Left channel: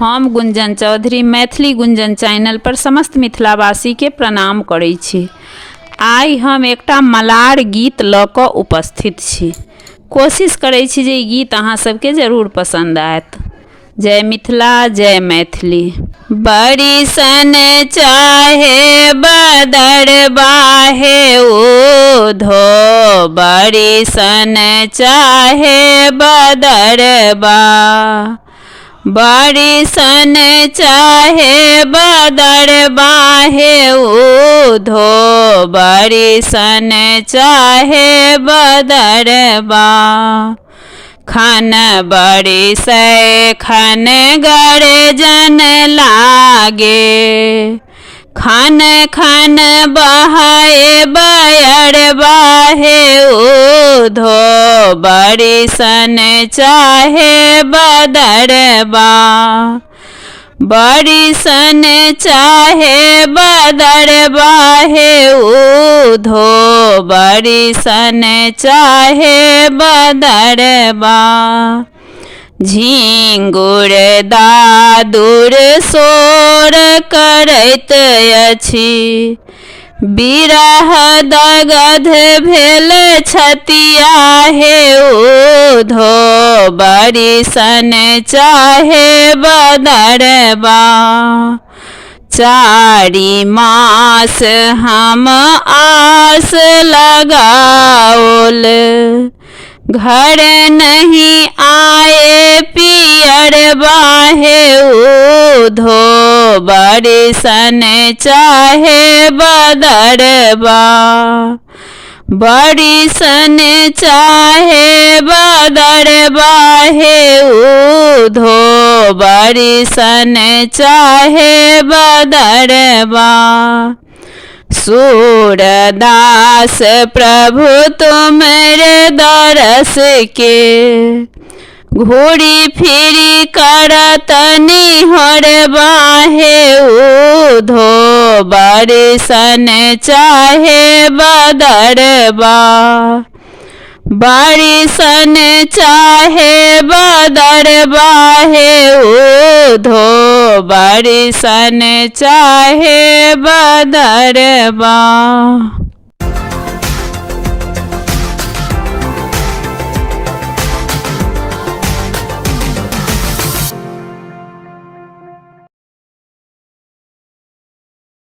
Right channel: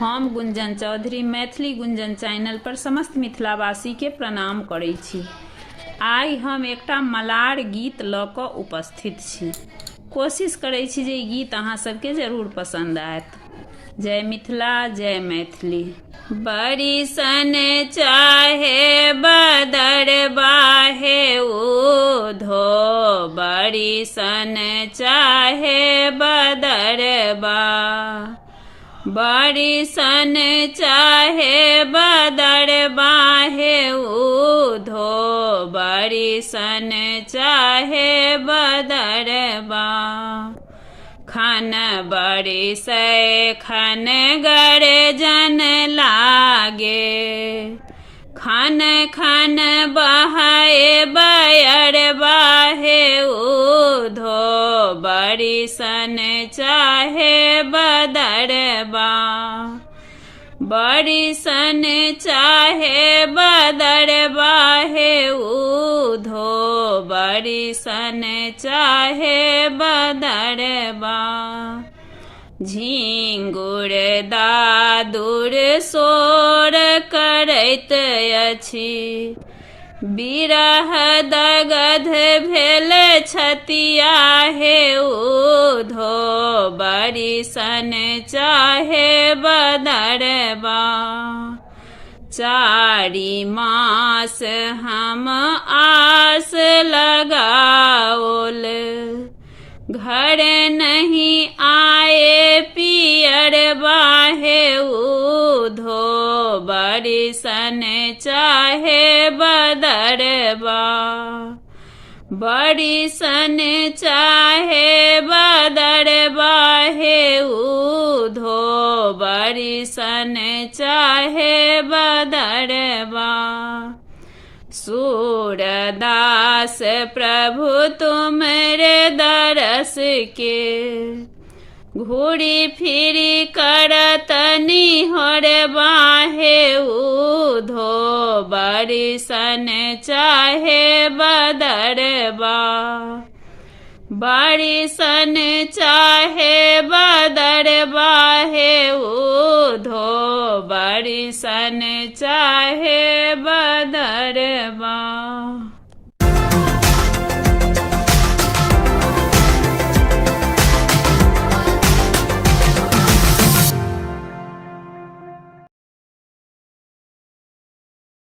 हम गुंजन चौधरी मैथिली गुंजन चैनल पर समस्त मिथिलावासी के प्रणाम करै छी। आइ हम एकटा मलार गीत लऽ कऽ उपस्थित छी। कोशिश करै छी जे ई गीत अहाँ सबके जरूर पसंद आयत। जय मिथिला, जय मैथिली। बड़ी सन चाहे बदर बाहे उधो, बड़ी सन चाहे बदर बा, बड़ी सन चाहे बदर बाहे उधो, बड़ी सन चाहे बदर बा। खन बड़ी से खन गर्जन लागे, खन खन बहाए बयर बाहे उधो, बड़ी सन चाहे बदर बा, बड़ी सन चाहे बदर बाहे उधो, बड़ी सन चाहे बदर बा। झिंगुर दादुर सोर करैत अछि, बिरह दगध भेल छतिया हे उधो, बड़ी सन चाहे बदर बा। चारि मास हम आस लगाओल, घर नहीं आए पियर बाहे उधो, बड़ी सन चाहे बदर बा, बड़ी सन चाहे बदर बाहे उधो, बड़ी सन चाहे बदर बा। सूरदास प्रभु तुमरे दरस के, घूरी फिरी करत निहर बाहे उधो, बड़ी सन चाहे बदर बा, बड़ी सन चाहे बदर बाहे उधो, बड़ी सन चाहे बदर बा।